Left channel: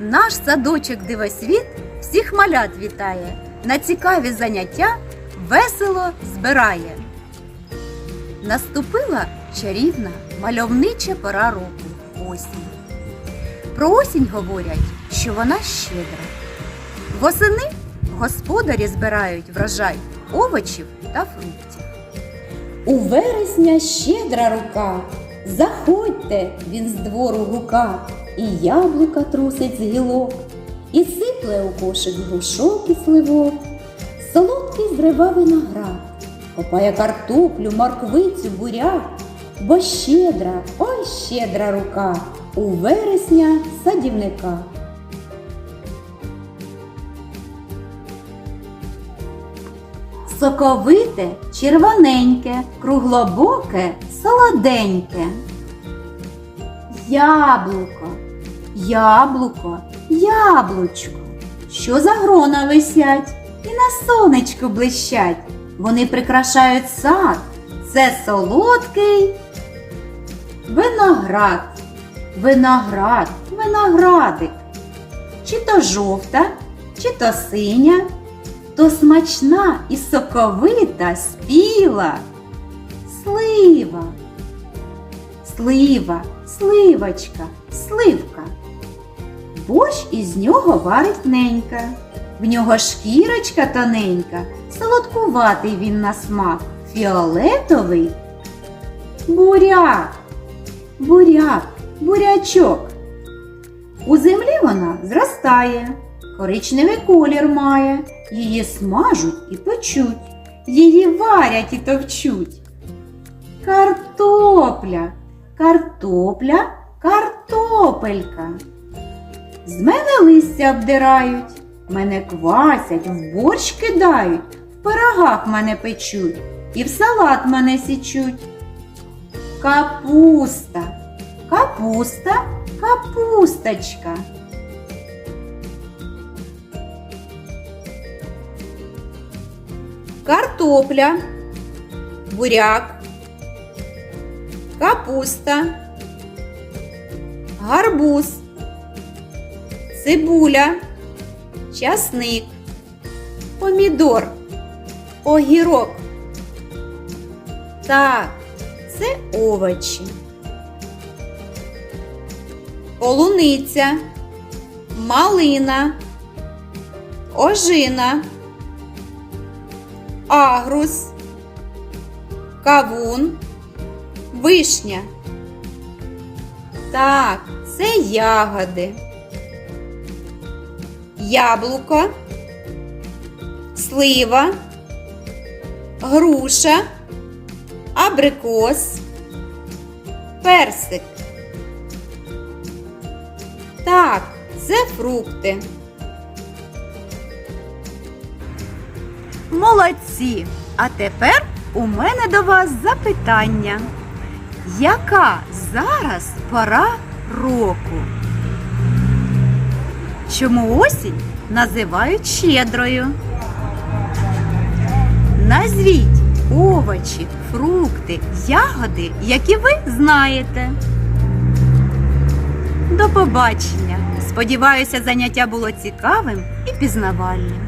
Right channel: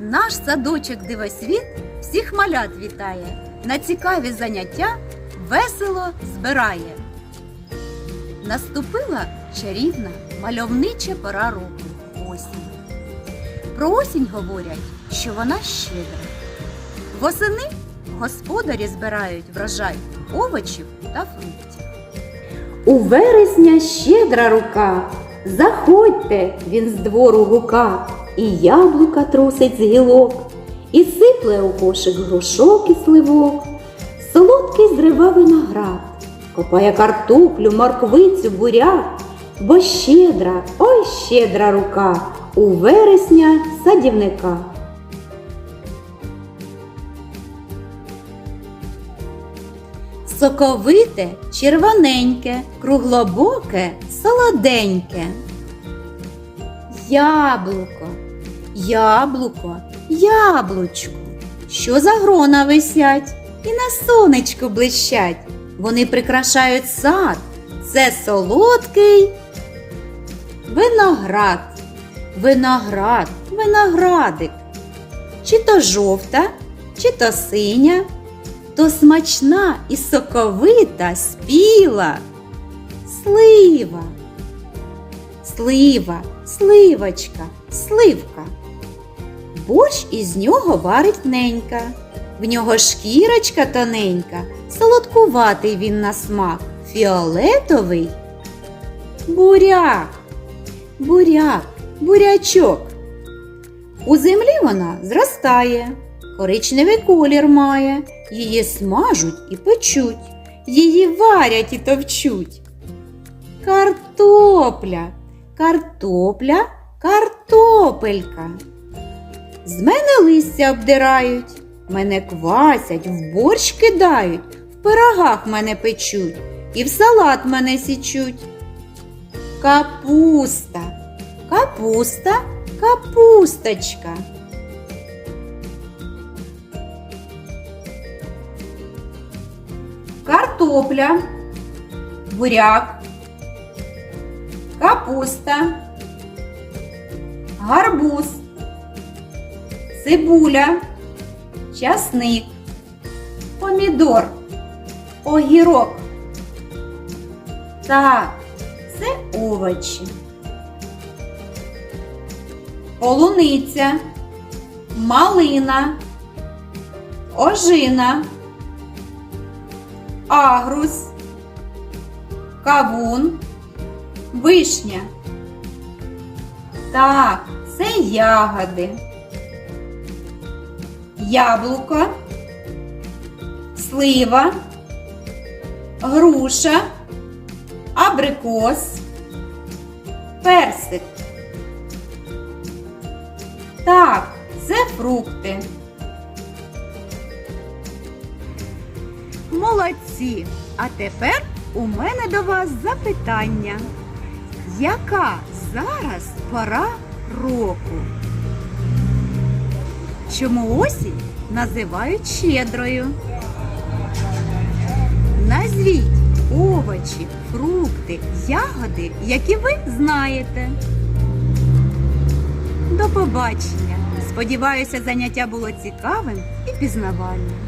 Наш садочок дивосвіт всіх малят вітає, на цікаві заняття весело збирає. Наступила чарівна мальовнича пора року осінь. Про осінь говорять, що вона щедра. Восени господарі збирають врожай овочів та фруктів. У вересня щедра рука, заходьте, він з двору гука, і яблука трусить з гілок, і сипле у кошик грушок і сливок, солодкий зрива виноград, копає картоплю, морквицю, буряк, бо щедра, ой щедра рука, у вересня садівника. Соковите, червоненьке, круглобоке, солоденьке. Яблуко, яблуко, яблучко. Що за грона висять і на сонечку блищать. Вони прикрашають сад. Це солодкий виноград, виноград, виноградик. Чи то жовта, чи то синя, то смачна і соковита спіла. Слива, слива, сливочка, сливка. Борщ із нього варить ненька. В нього шкірочка тоненька, солодкуватий він на смак, фіолетовий. Буряк, буряк, бурячок. У землі вона зростає, коричневий колір має, її смажуть і печуть, її варять і товчуть. Картопля, картопля, картопелька. З мене листя обдирають, мене квасять, в борщ кидають, в пирогах мене печуть і в салат мене січуть. Капуста, капуста, капусточка. Картопля, буряк, капуста, гарбуз, цибуля, часник, помідор, огірок. Так, це овочі. Полуниця, малина, ожина, агрус, кавун, вишня. Так, це ягоди. Яблуко, слива, груша, абрикос, персик. Так, це фрукти. Молодці! А тепер у мене до вас запитання. Яка зараз пора року? Чому осінь називають щедрою? Назвіть овочі, фрукти, ягоди, які ви знаєте. До побачення! Сподіваюся, заняття було цікавим і пізнавальним.